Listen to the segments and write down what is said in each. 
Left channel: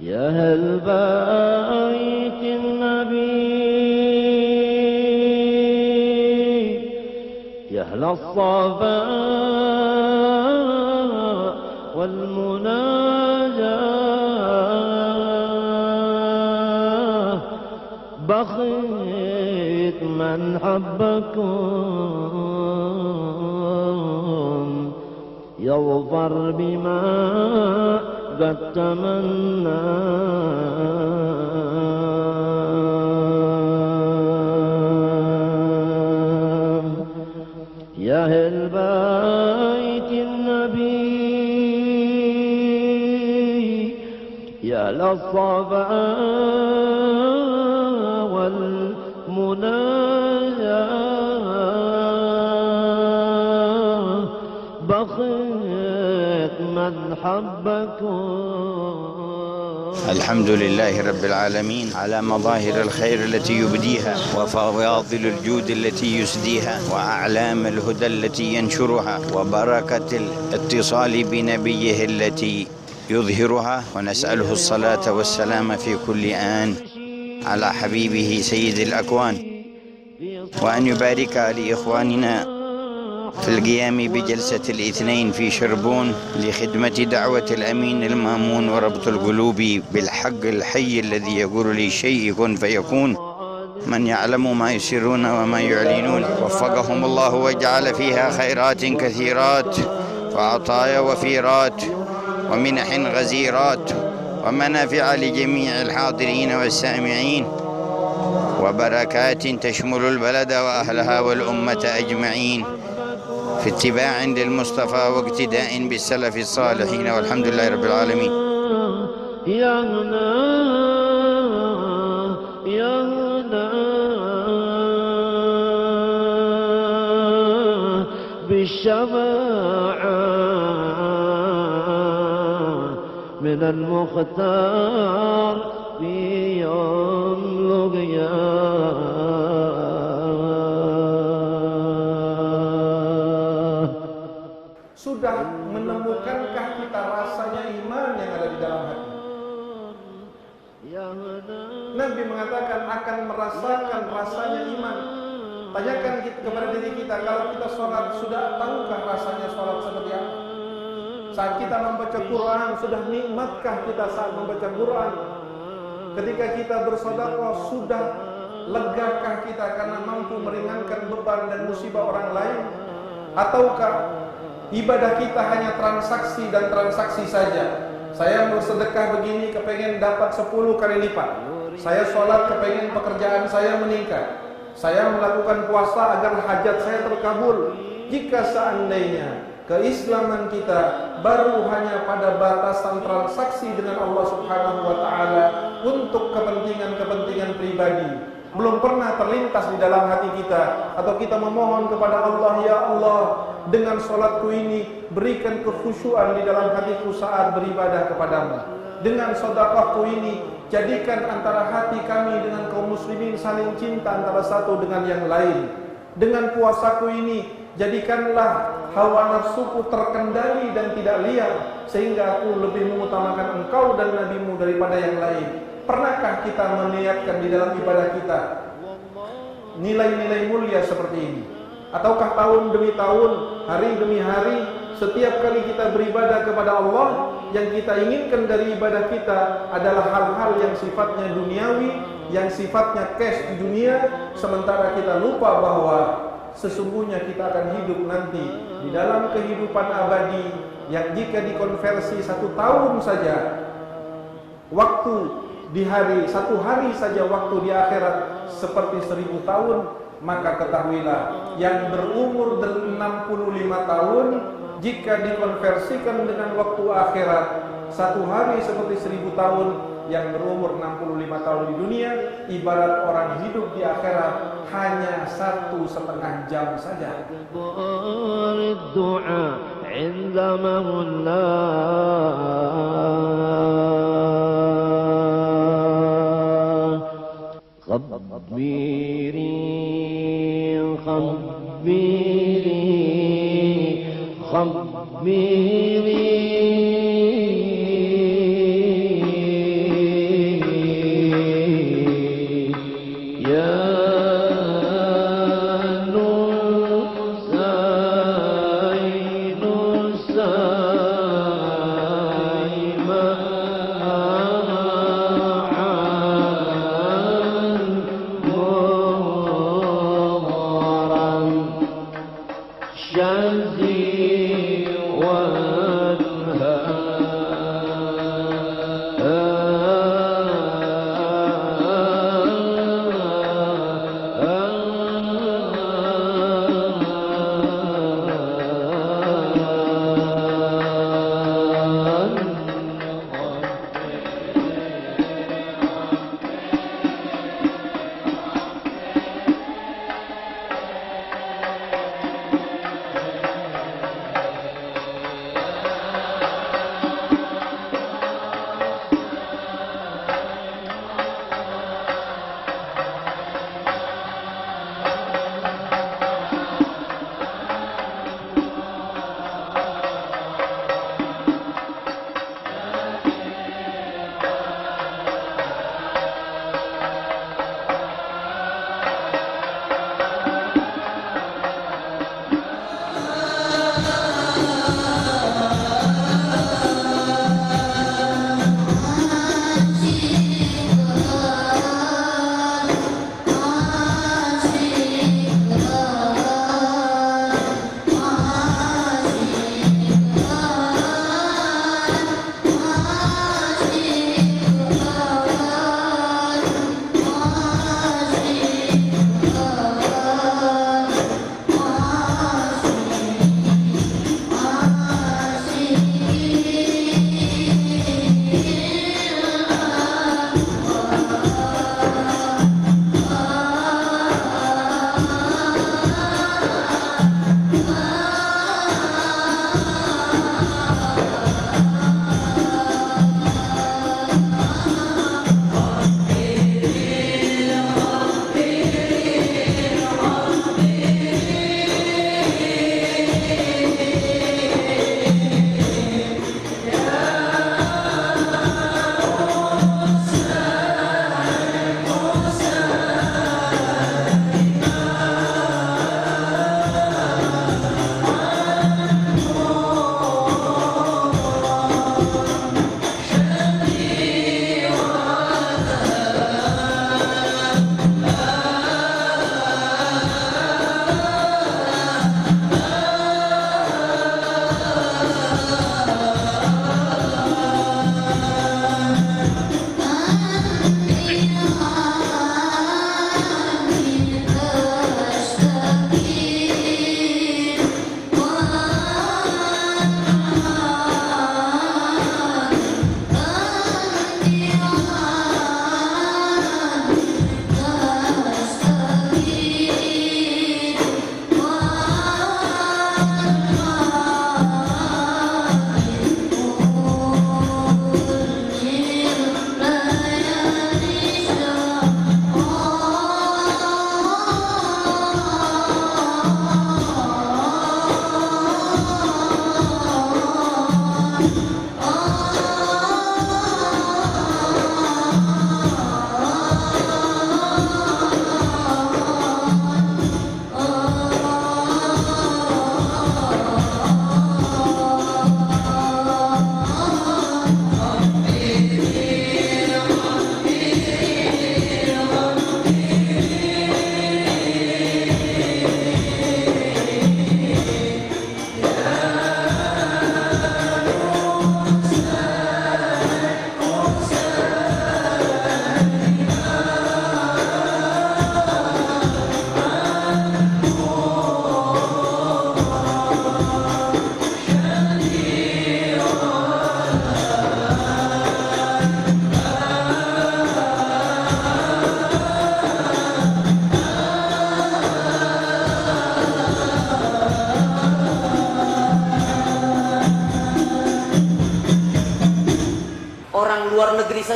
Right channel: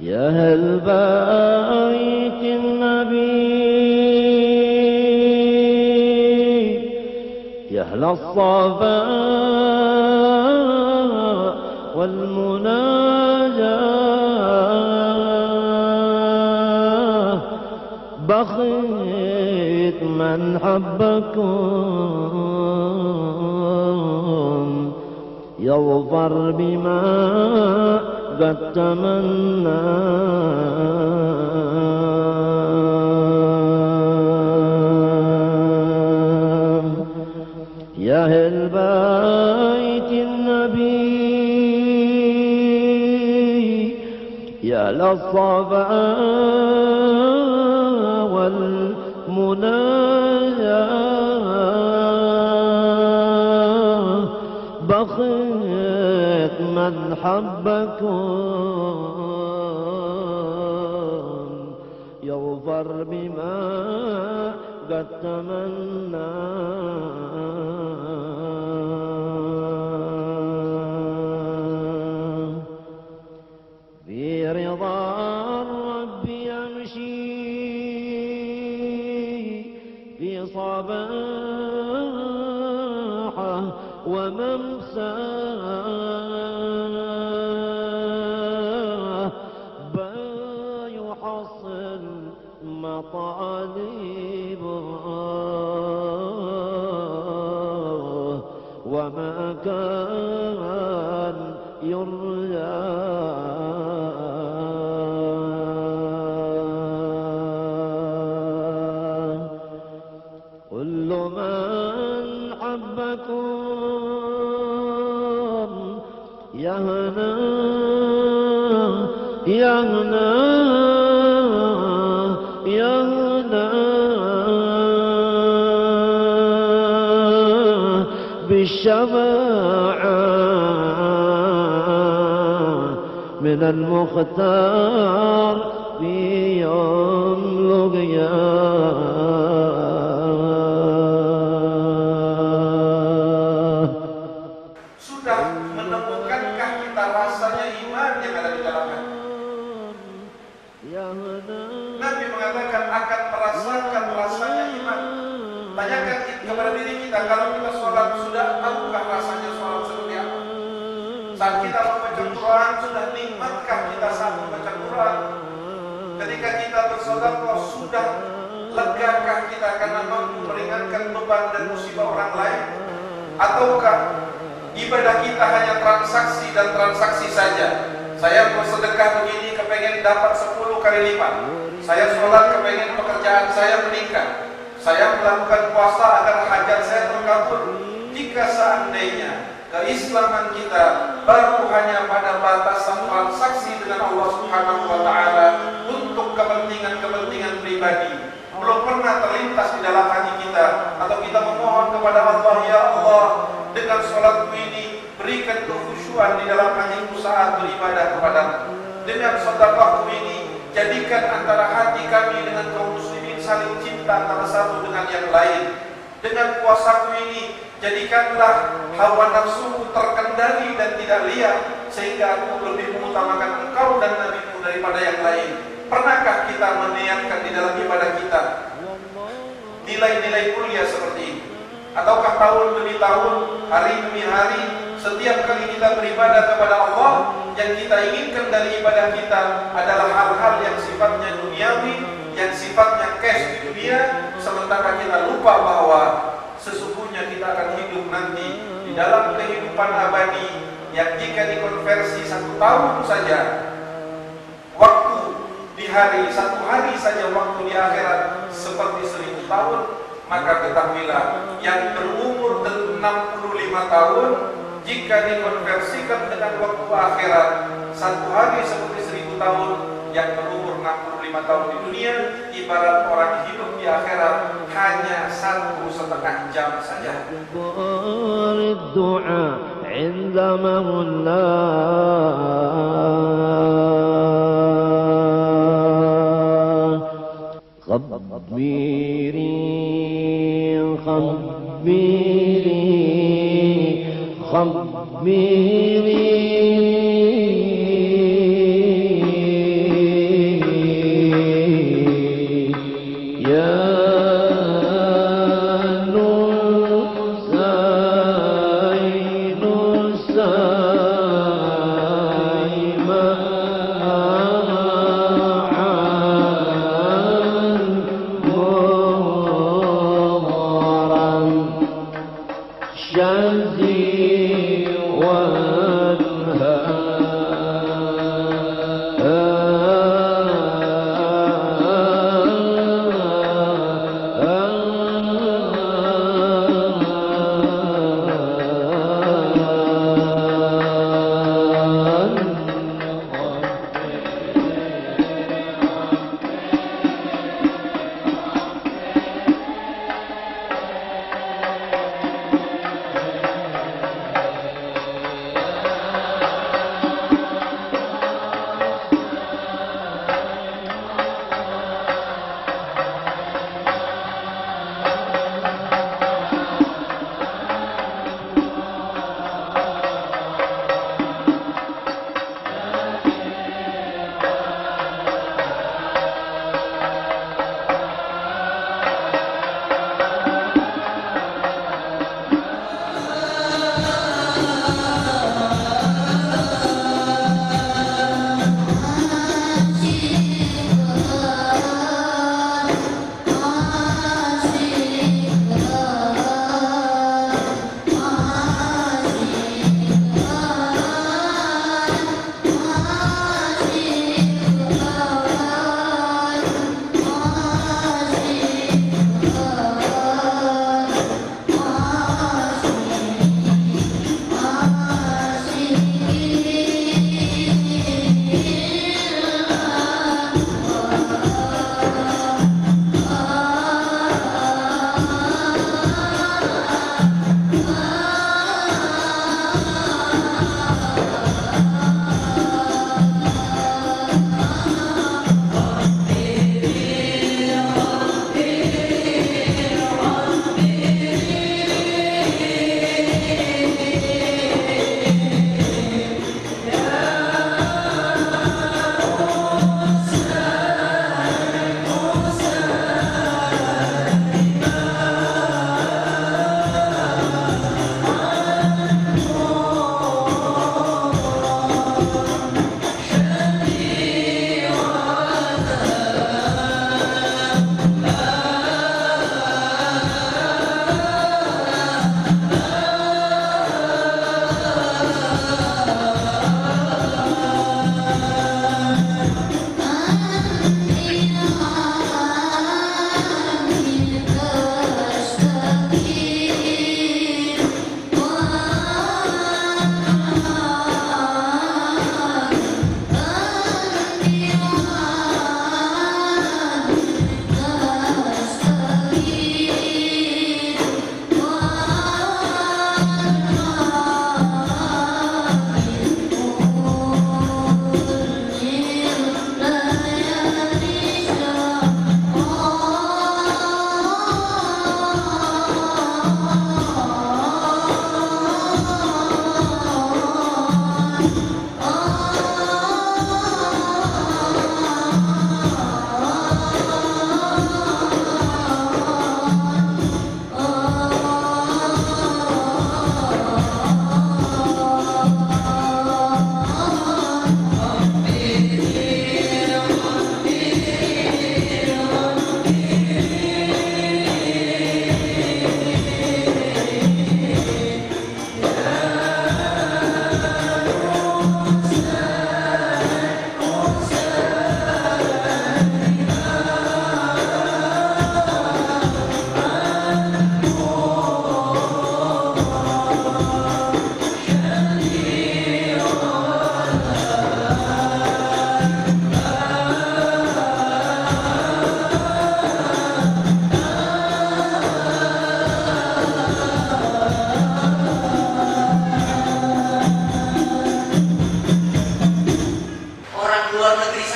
يا أهل بيت النبي يا أهل الصفاء والمناجاة بخيت من حبكم يظفر بما قد تمنى يا أهل بيت النبي يا أهل الصفاء والمناجاة بخيت من حبكم. الحمد لله رب العالمين على مظاهر الخير التي يبديها وفواضل الجود التي يسديها وأعلام الهدى التي ينشرها وبركة الاتصال بنبيه التي يظهرها، ونسأله الصلاة والسلام في كل آن على حبيبه سيد الأكوان، وأن يبارك لإخواننا في القيام بجلسة الاثنين في شربون لخدمة دعوة الأمين المأمون وربط القلوب بالحق الحي الذي يقول للشيء كن فيكون، من يعلم ما يسرون وما يعلنون. وفقهم الله وجعل فيها خيرات كثيرات وعطايا وفيرات ومنح غزيرات ومنافع لجميع الحاضرين والسامعين، وبركات تشمل البلد وأهلها والأمة أجمعين في اتباع للمصطفى واقتداء بالسلف الصالحين، والحمد لله رب العالمين. يا هنا يا هنا بالشفاعة من المختار في يوم القيامة. Sudah menemukankah kita rasanya iman yang ada di dalam hati? Nabi mengatakan akan merasakan rasanya iman. Tanyakan kepada diri kita, kalau kita sholat sudah tahukah rasanya sholat seperti apa? Saat kita membaca Quran, sudah nikmatkah kita saat membaca Quran? Ketika kita bersedekah, sudah legakah kita karena mampu meringankan beban dan musibah orang lain? Ataukah ibadah kita hanya transaksi dan transaksi saja? Saya bersedekah begini kepengen dapat 10 kali lipat. Saya sholat kepengen pekerjaan saya meningkat. Saya melakukan puasa agar hajat saya terkabul. Jika seandainya keislaman kita baru hanya pada batasan transaksi dengan Allah Subhanahu wa Ta'ala untuk kepentingan-kepentingan pribadi, belum pernah terlintas di dalam hati kita, atau kita memohon kepada Allah, ya Allah, dengan sholatku ini berikan kekhusyuan di dalam hatiku saat beribadah kepadamu. Dengan sedekahku ini jadikan antara hati kami dengan kaum muslimin saling cinta antara satu dengan yang lain. Dengan puasaku ini jadikanlah hawa nafsuku terkendali dan tidak liar, sehingga aku lebih mengutamakan engkau dan nabimu daripada yang lain. Pernahkah kita meniatkan di dalam ibadah kita nilai-nilai mulia seperti ini? Ataukah tahun demi tahun, hari demi hari, setiap kali kita beribadah kepada Allah, yang kita inginkan dari ibadah kita adalah hal-hal yang sifatnya duniawi, yang sifatnya cash di dunia, sementara kita lupa bahwa sesungguhnya kita akan hidup nanti di dalam kehidupan abadi yang jika dikonversi 1 tahun saja waktu di hari, 1 hari saja waktu di akhirat seperti 1000 tahun, maka ketahuilah yang berumur 65 tahun jika dikonversikan dengan waktu akhirat 1 hari seperti 1000 tahun, yang berumur 65 tahun di dunia ibarat orang hidup di akhirat hanya 1,5 jam saja. خبيري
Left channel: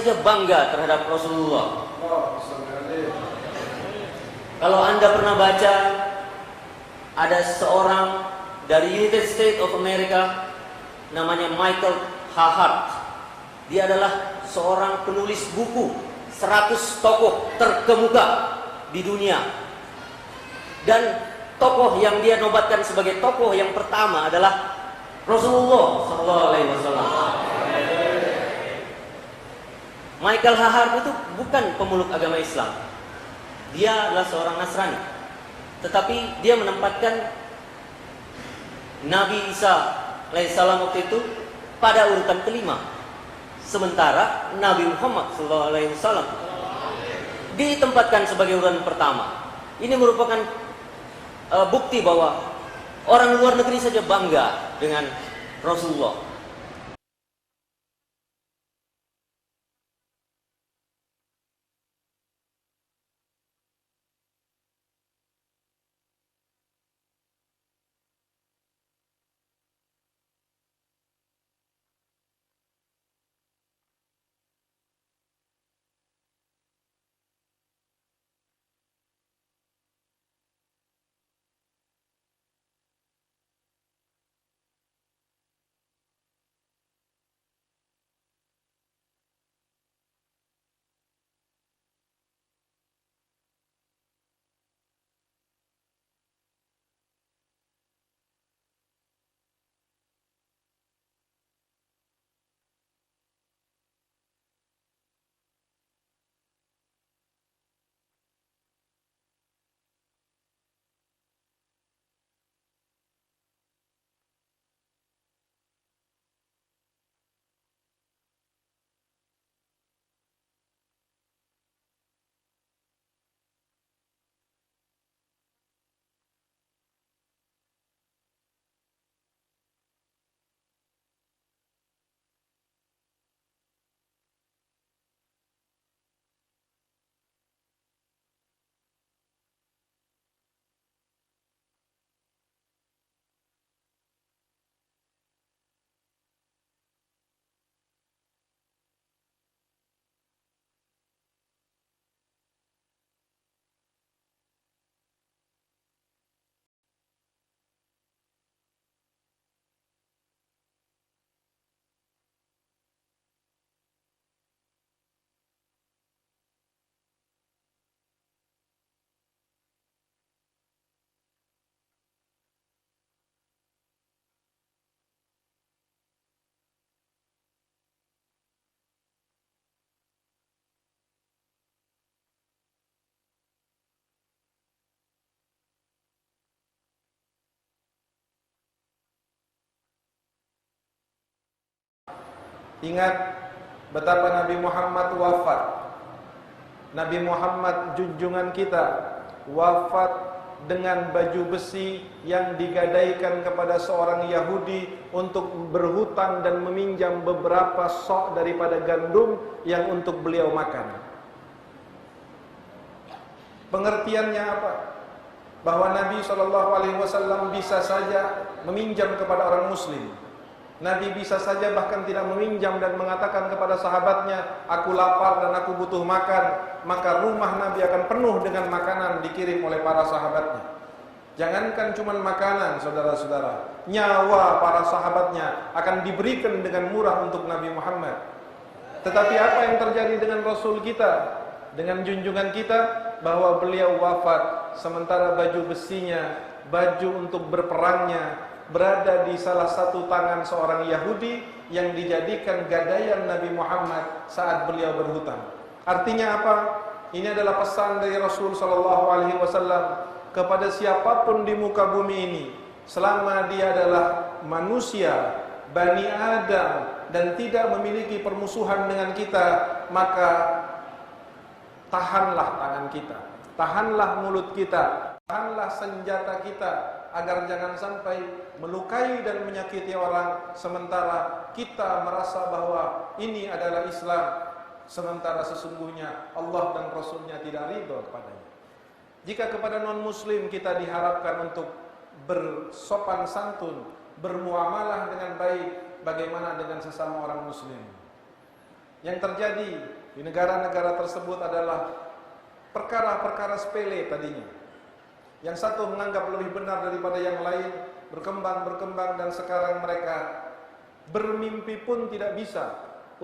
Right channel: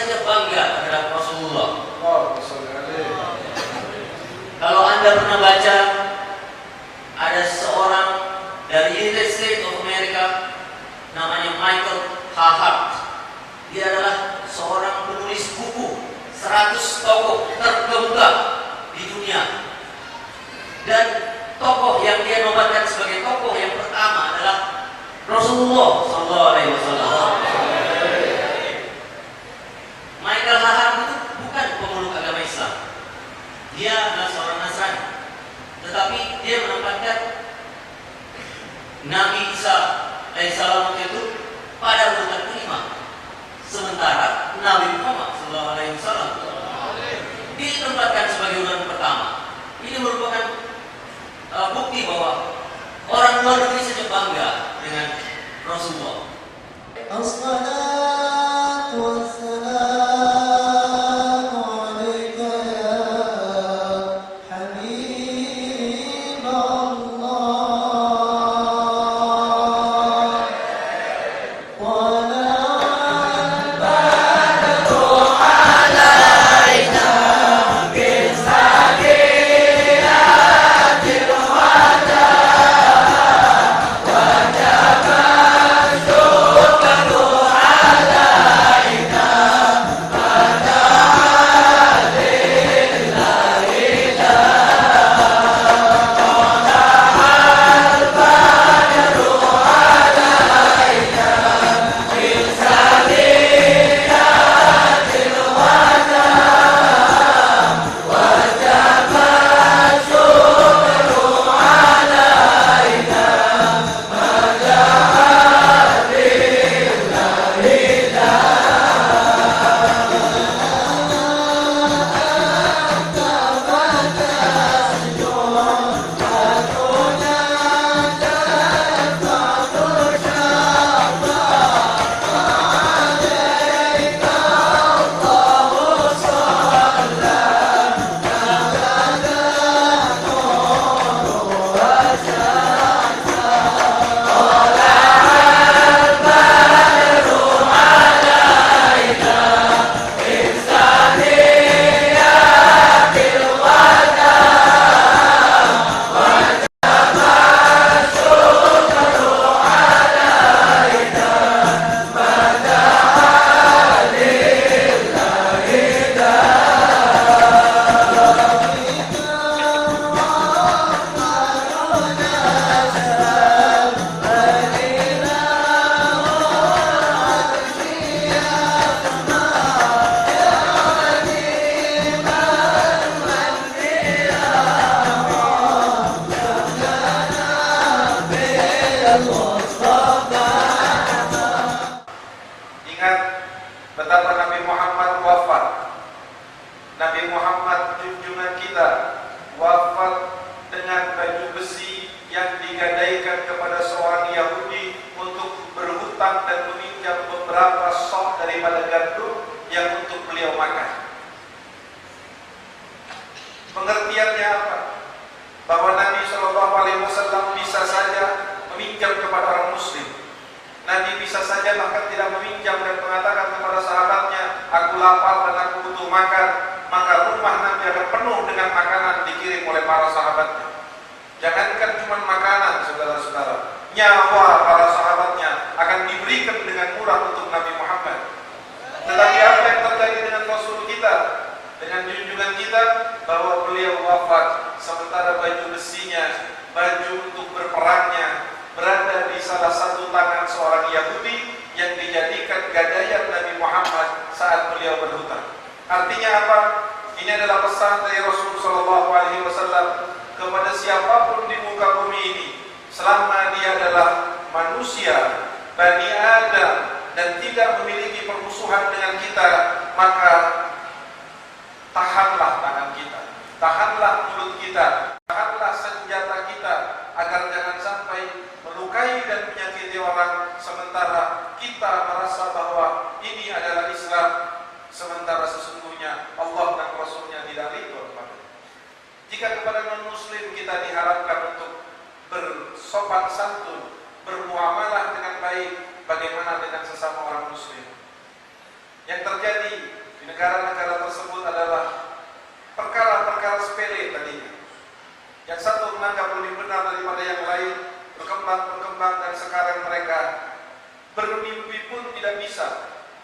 saja bangga terhadap Rasulullah. Allahumma sholli alaihi. Kalau Anda pernah baca, ada seorang dari United States of America namanya Michael Hart. Dia adalah seorang penulis buku 100 tokoh terkemuka di dunia. Dan tokoh yang dia nobatkan sebagai tokoh yang pertama adalah Rasulullah SAW. Michael Hart itu bukan pemeluk agama Islam. Dia adalah seorang Nasrani. Tetapi dia menempatkan Nabi Isa alaihissalam itu pada urutan kelima. Sementara Nabi Muhammad SAW ditempatkan sebagai urutan pertama. Ini merupakan bukti bahwa orang luar negeri saja bangga dengan Rasulullah. Ingat betapa Nabi Muhammad wafat. Nabi Muhammad junjungan kita wafat dengan baju besi yang digadaikan kepada seorang Yahudi untuk berhutang dan meminjam beberapa sok daripada gandum yang untuk beliau makan. Pengertiannya apa? Bahwa Nabi SAW bisa saja meminjam kepada orang Muslim. Nabi bisa saja bahkan tidak meminjam dan mengatakan kepada sahabatnya, aku lapar dan aku butuh makan, maka rumah Nabi akan penuh dengan makanan dikirim oleh para sahabatnya. Jangankan cuma makanan, saudara-saudara, nyawa para sahabatnya akan diberikan dengan murah untuk Nabi Muhammad. Tetapi apa yang terjadi dengan Rasul kita, dengan junjungan kita, bahwa beliau wafat sementara baju besinya, baju untuk berperangnya, berada di salah satu tangan seorang Yahudi yang dijadikan gadaian Nabi Muhammad saat beliau berhutang. Artinya apa? Ini adalah pesan dari Rasul SAW kepada siapapun di muka bumi ini, selama dia adalah manusia, Bani Adam, dan tidak memiliki permusuhan dengan kita, maka tahanlah tangan kita, tahanlah mulut kita, tahanlah senjata kita, agar jangan sampai melukai dan menyakiti orang, sementara kita merasa bahwa ini adalah Islam, sementara sesungguhnya Allah dan Rasulnya tidak ridho kepada. Jika kepada non-muslim kita diharapkan untuk bersopan santun, bermuamalah dengan baik, bagaimana dengan sesama orang muslim? Yang terjadi di negara-negara tersebut adalah perkara-perkara sepele tadinya. Yang satu menganggap lebih benar daripada yang lain, berkembang dan sekarang mereka bermimpi pun tidak bisa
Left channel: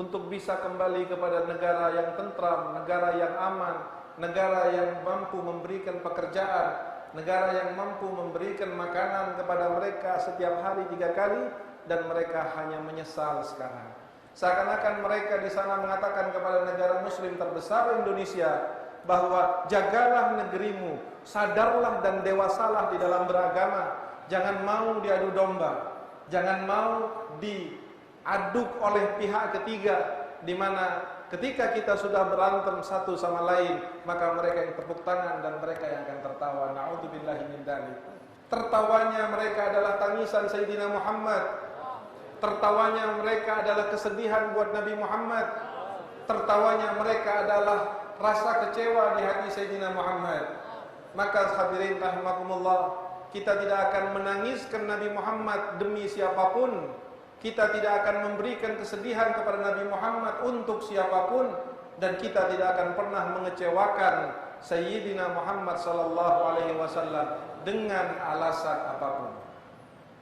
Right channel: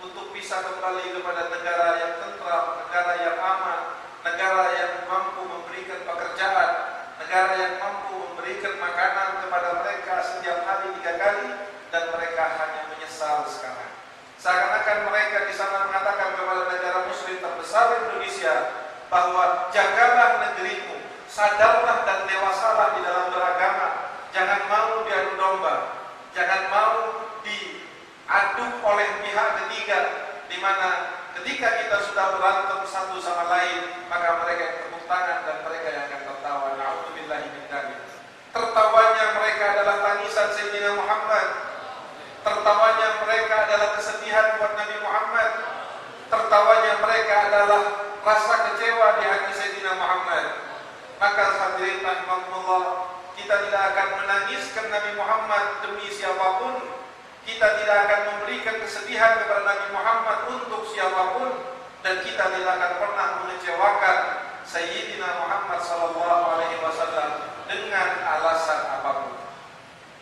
untuk bisa kembali kepada negara yang tentram, negara yang aman, negara yang mampu memberikan pekerjaan, negara yang mampu memberikan makanan kepada mereka setiap hari 3 kali, dan mereka hanya menyesal sekarang. Seakan-akan mereka di sana mengatakan kepada negara muslim terbesar Indonesia bahwa jagalah negerimu, sadarlah dan dewasalah di dalam beragama, jangan mau diadu domba, jangan mau diaduk oleh pihak ketiga, di mana ketika kita sudah berantem satu sama lain, maka mereka yang tepuk tangan dan mereka yang akan tertawa. Na'udzubillahi min dzalik. Tertawanya mereka adalah tangisan Sayyidina Muhammad. Tertawanya mereka adalah kesedihan buat Nabi Muhammad. Tertawanya mereka adalah rasa kecewa di hati Sayyidina Muhammad. Maka hadirin rahimakumullah, kita tidak akan menangiskan Nabi Muhammad demi siapapun. Kita tidak akan memberikan kesedihan kepada Nabi Muhammad untuk siapapun, dan kita tidak akan pernah mengecewakan Sayyidina Muhammad SAW dengan alasan apapun.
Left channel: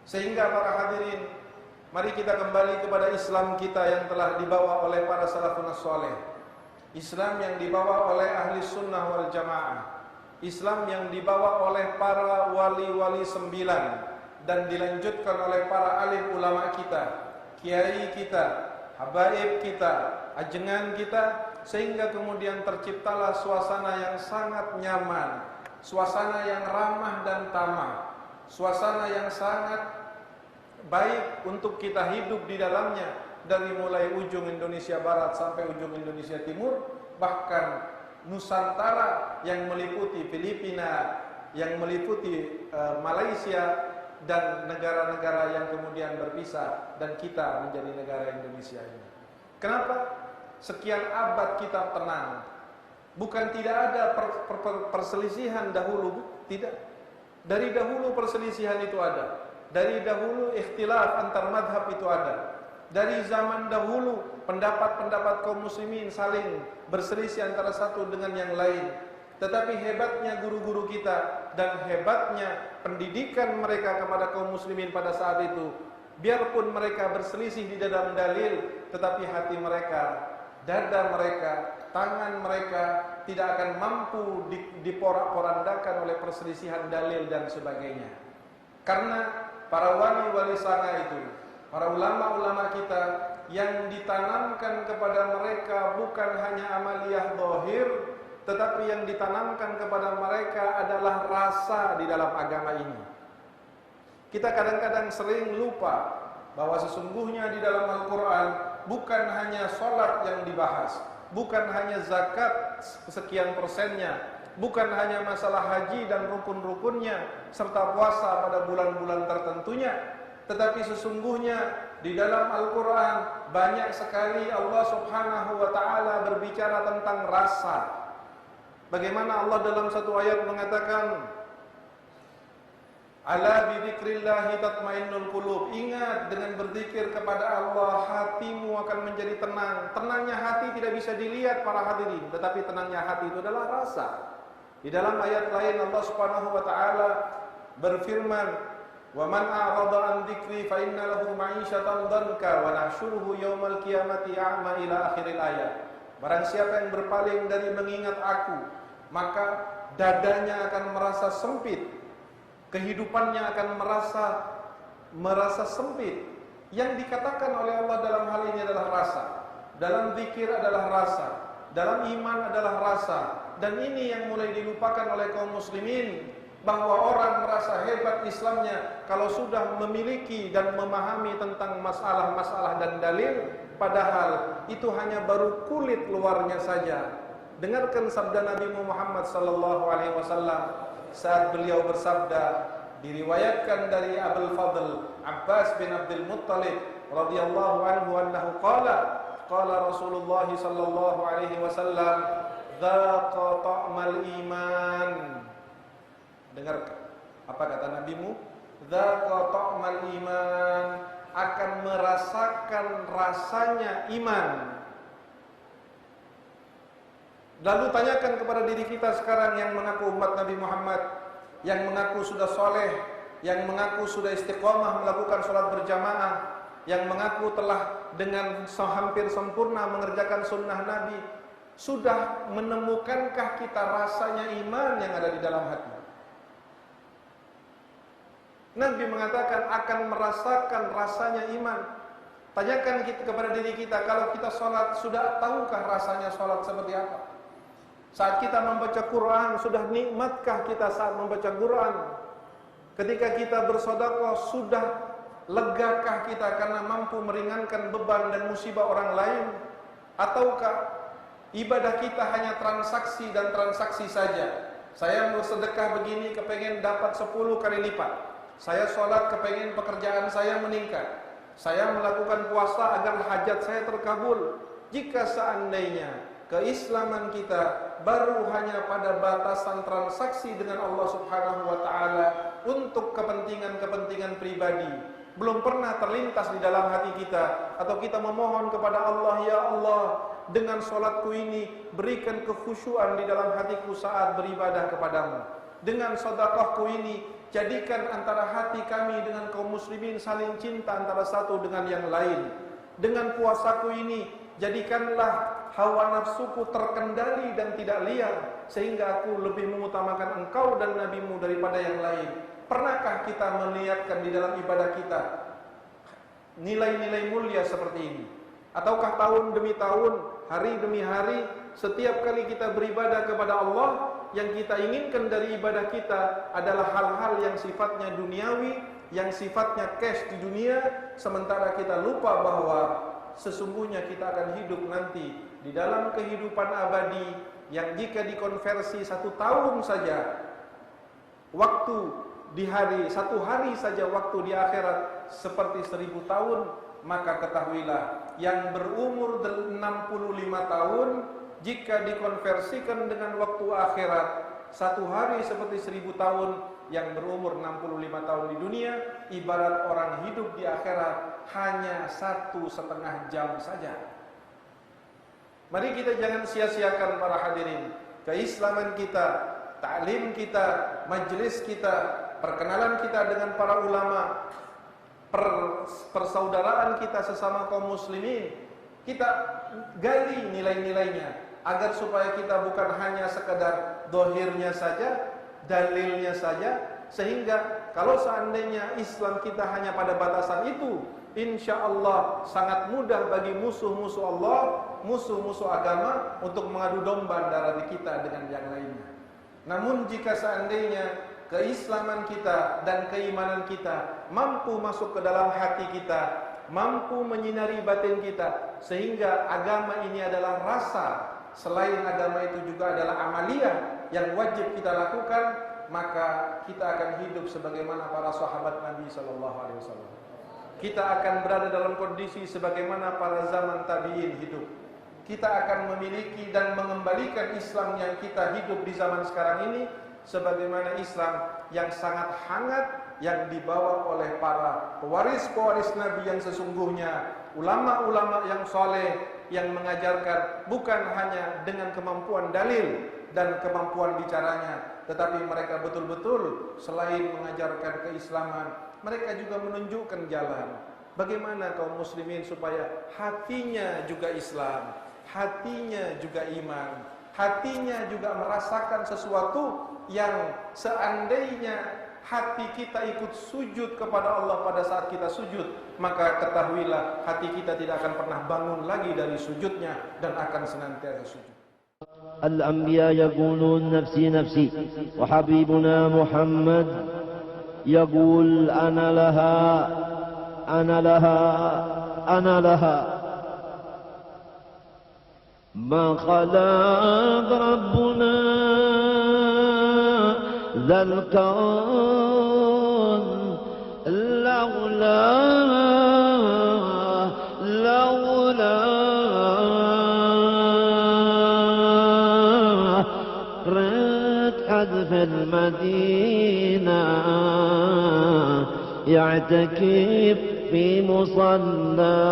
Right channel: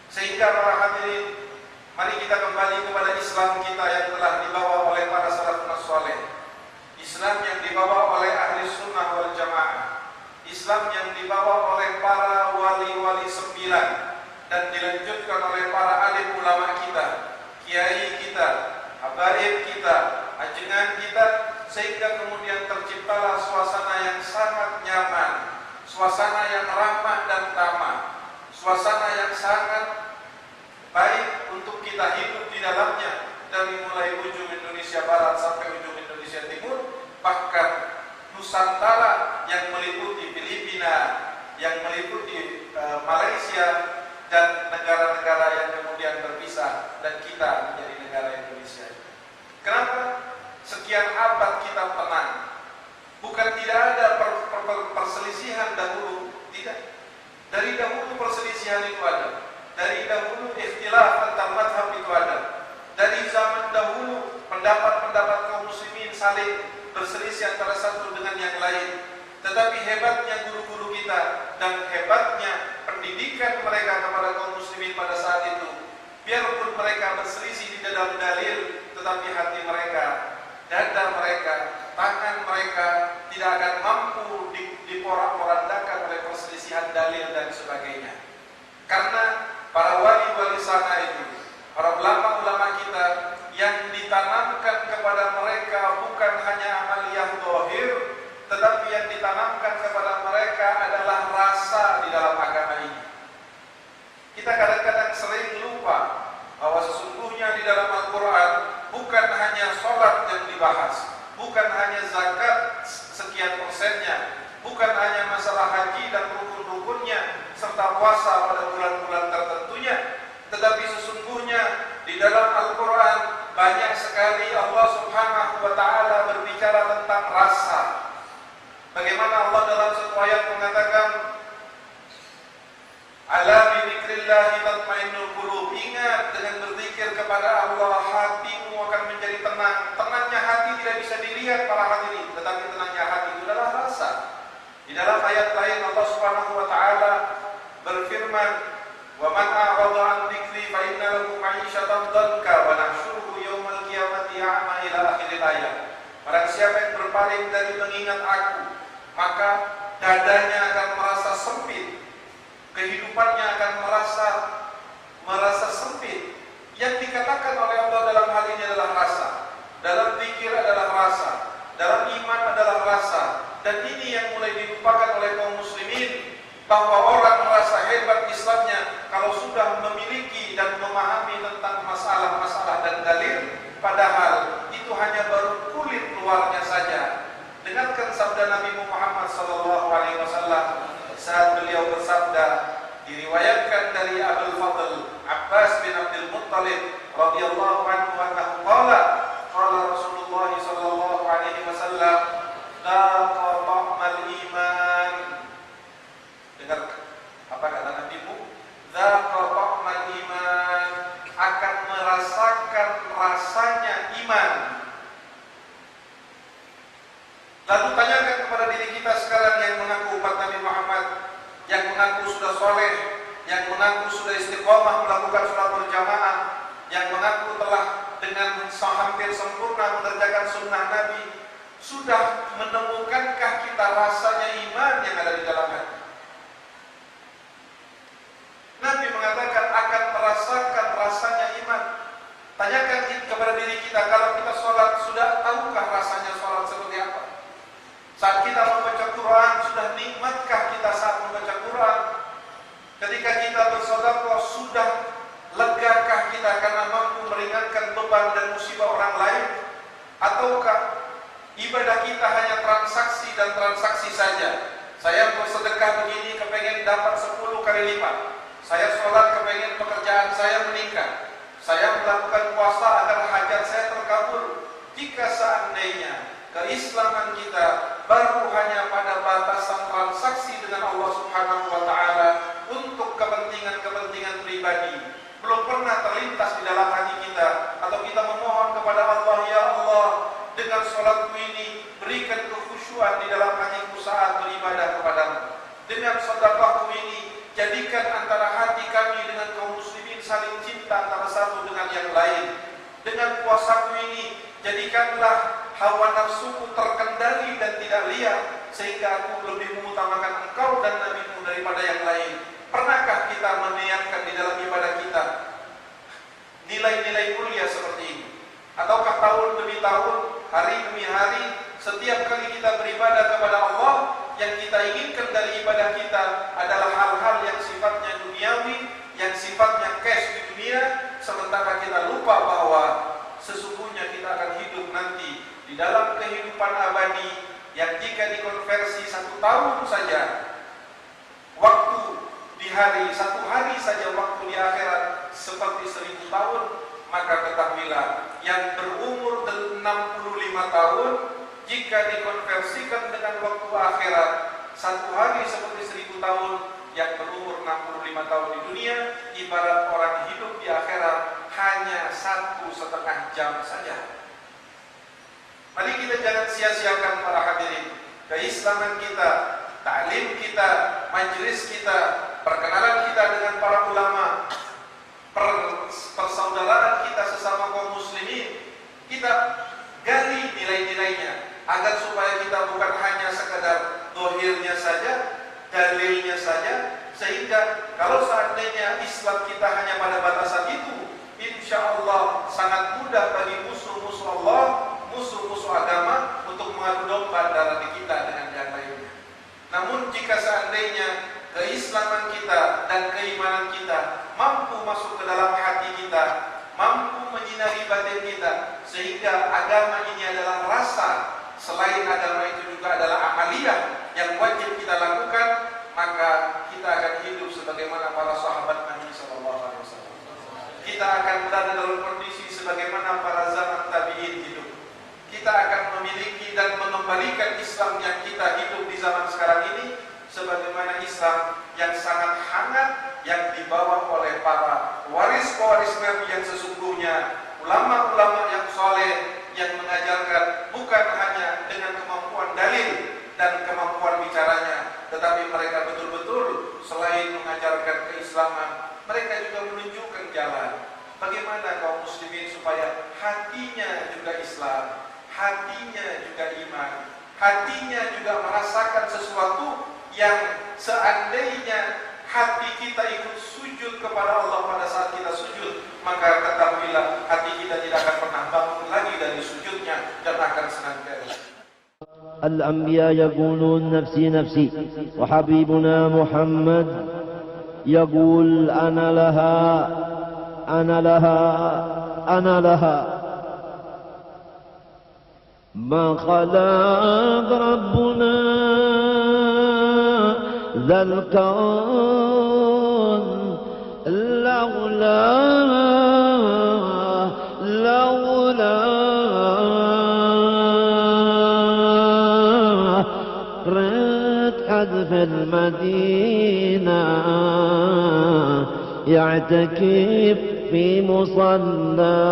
Sehingga para hadirin, mari kita kembali kepada Islam kita yang telah dibawa oleh para salafun saleh. Islam yang dibawa oleh ahli sunnah wal jamaah. Islam yang dibawa oleh para wali-wali 9 dan dilanjutkan oleh para alim ulama kita, kiai kita, habaib kita, ajengan kita, sehingga kemudian terciptalah suasana yang sangat nyaman, suasana yang ramah dan tamah, suasana yang sangat baik untuk kita hidup di dalamnya, dari mulai ujung Indonesia Barat sampai ujung Indonesia Timur, bahkan Nusantara yang meliputi Filipina, yang meliputi Malaysia, dan negara-negara yang kemudian berpisah, dan kita menjadi negara Indonesia ini. Kenapa sekian abad kita tenang? Bukan tidak ada perselisihan dahulu, tidak. Dari dahulu perselisihan itu ada. Dari dahulu ikhtilaf antar mazhab itu ada. Dari zaman dahulu pendapat-pendapat kaum muslimin saling berselisih antara satu dengan yang lain. Tetapi hebatnya guru-guru kita dan hebatnya pendidikan mereka kepada kaum muslimin pada saat itu, biarpun mereka berselisih di dalam dalil, tetapi hati mereka, dada mereka, tangan mereka tidak akan mampu diporak-porandakan oleh perselisihan dalil dan sebagainya. Karena para wali-wali sana itu, para ulama-ulama kita, yang ditanamkan kepada mereka bukan hanya amaliyah zahir, tetapi yang ditanamkan kepada mereka adalah rasa di dalam agama ini. Kita kadang-kadang sering lupa bahwa sesungguhnya di dalam Al-Quran bukan hanya sholat yang dibahas, bukan hanya zakat sekian persennya, bukan hanya masalah haji dan rukun-rukunnya, serta puasa pada bulan-bulan tertentunya, tetapi sesungguhnya di dalam Al-Quran banyak sekali Allah Subhanahu wa Ta'ala berbicara tentang rasa. Bagaimana Allah dalam satu ayat mengatakan, ala bidzikrillahi tatmainnul qulub. Ingat, dengan berzikir kepada Allah hatimu akan menjadi tenang. Tenangnya hati tidak bisa dilihat para hadirin, tetapi tenangnya hati itu adalah rasa. Di dalam ayat lain Allah Subhanahu wa Ta'ala berfirman, wa man a'rada an dzikri fa inna lahu ma'isyatan dhanka wa nahsyuruhu yaumal qiyamati a'ma ila akhir ayat. Barang siapa yang berpaling dari mengingat aku, maka dadanya akan merasa sempit, kehidupannya akan merasa sempit. Yang dikatakan oleh Allah dalam hal ini adalah rasa. Dalam zikir adalah rasa, dalam iman adalah rasa. Dan ini yang mulai dilupakan oleh kaum muslimin, bahwa orang merasa hebat Islamnya kalau sudah memiliki dan memahami tentang masalah-masalah dan dalil, padahal itu hanya baru kulit luarnya saja. Dengarkan sabda Nabi Muhammad SAW saat beliau bersabda, diriwayatkan dari Abul Fadl Abbas bin Abdul Muttalib radhiyallahu anhu annahu qala Rasulullah sallallahu alaihi wasallam, dzaqa ta'mal iman. Dengar apa kata Nabimu? Dzaqa ta'mal iman, akan merasakan rasanya iman. Lalu tanyakan kepada diri kita sekarang yang mengaku umat Nabi Muhammad, yang mengaku sudah soleh, yang mengaku sudah istiqomah melakukan sholat berjamaah, yang mengaku telah dengan hampir sempurna mengerjakan sunnah Nabi, sudah menemukankah kita rasanya iman yang ada di dalam hati? Nabi mengatakan akan merasakan rasanya iman. Tanyakan kepada diri kita, kalau kita sholat, sudah tahukah rasanya sholat seperti apa? Saat kita membaca Quran, sudah nikmatkah kita saat membaca Quran? Ketika kita bersedekah, sudah legakah kita karena mampu meringankan beban dan musibah orang lain? Ataukah ibadah kita hanya transaksi dan transaksi saja? Saya mau sedekah begini, kepengen dapat 10 kali lipat. Saya sholat, kepengen pekerjaan saya meningkat. Saya melakukan puasa agar hajat saya terkabul. Jika seandainya keislaman kita baru hanya pada batasan transaksi dengan Allah Subhanahu wa Ta'ala untuk kepentingan-kepentingan pribadi, belum pernah terlintas di dalam hati kita, atau kita memohon kepada Allah, ya Allah, dengan sholatku ini berikan kekhusyuan di dalam hatiku saat beribadah kepadamu. Dengan sedekahku ini jadikan antara hati kami dengan kaum muslimin saling cinta antara satu dengan yang lain. Dengan puasaku ini jadikanlah hawa nafsuku terkendali dan tidak liar, sehingga aku lebih mengutamakan engkau dan nabimu daripada yang lain. Pernahkah kita meniatkan di dalam ibadah kita nilai-nilai mulia seperti ini? Ataukah tahun demi tahun, hari demi hari, setiap kali kita beribadah kepada Allah, yang kita inginkan dari ibadah kita adalah hal-hal yang sifatnya duniawi, yang sifatnya cash di dunia, sementara kita lupa bahwa sesungguhnya kita akan hidup nanti di dalam kehidupan abadi yang jika dikonversi 1 tahun saja waktu di hari, 1 hari saja waktu di akhirat seperti 1000 tahun, maka ketahuilah yang berumur 65 tahun jika dikonversikan dengan waktu akhirat 1 hari seperti 1000 tahun, yang berumur 65 tahun di dunia ibarat orang hidup di akhirat hanya 1,5 jam saja. Mari kita jangan sia-siakan para hadirin keislaman kita, taklim kita, majelis kita, perkenalan kita dengan para ulama, persaudaraan kita sesama kaum muslimin. Kita gali nilai-nilainya agar supaya kita bukan hanya sekedar dohirnya saja, dalilnya saja, sehingga kalau seandainya Islam kita hanya pada batasan itu, insya Allah sangat mudah bagi musuh-musuh Allah, musuh-musuh agama untuk mengadu domba antara kita dengan yang lainnya. Namun jika seandainya keislaman kita dan keimanan kita mampu masuk ke dalam hati kita, mampu menyinari batin kita, sehingga agama ini adalah rasa, selain agama itu juga adalah amaliyah yang wajib kita lakukan, maka kita akan hidup sebagaimana para sahabat Nabi SAW. Kita akan berada dalam kondisi sebagaimana para zaman tabi'in hidup. Kita akan memiliki dan mengembalikan Islam yang kita hidup di zaman sekarang ini sebagaimana Islam yang sangat hangat yang dibawa oleh para pewaris-pewaris Nabi yang sesungguhnya, ulama-ulama yang soleh yang mengajarkan bukan hanya dengan kemampuan dalil dan kemampuan bicaranya, tetapi mereka betul-betul selain mengajarkan keislaman, mereka juga menunjukkan jalan bagaimana kaum muslimin supaya hatinya juga Islam, hatinya juga iman, hatinya juga merasakan sesuatu yang seandainya hati kita ikut sujud kepada Allah pada saat kita sujud, maka ketahuilah hati kita tidak akan pernah bangun lagi dari sujudnya dan akan senantiasa sujud. الأنبياء يقولون نفسي نفسي، وحبيبنا محمد يقول أنا لها أنا لها أنا لها. ما خلق ربنا ذا الكون لولا في المدينة يعتكف في مصلى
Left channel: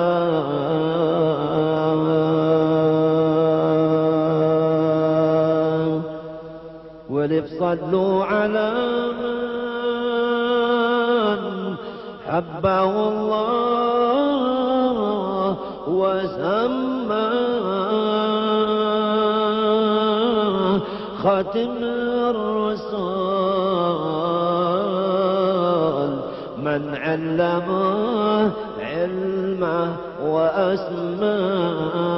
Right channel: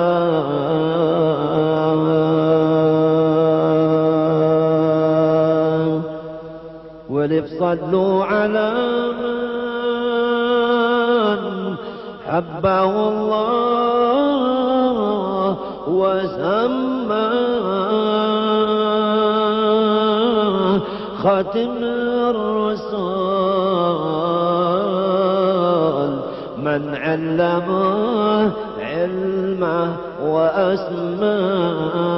والف صلوا على من حبه الله وسماه خاتم الرسل من علمه علمه وأسماه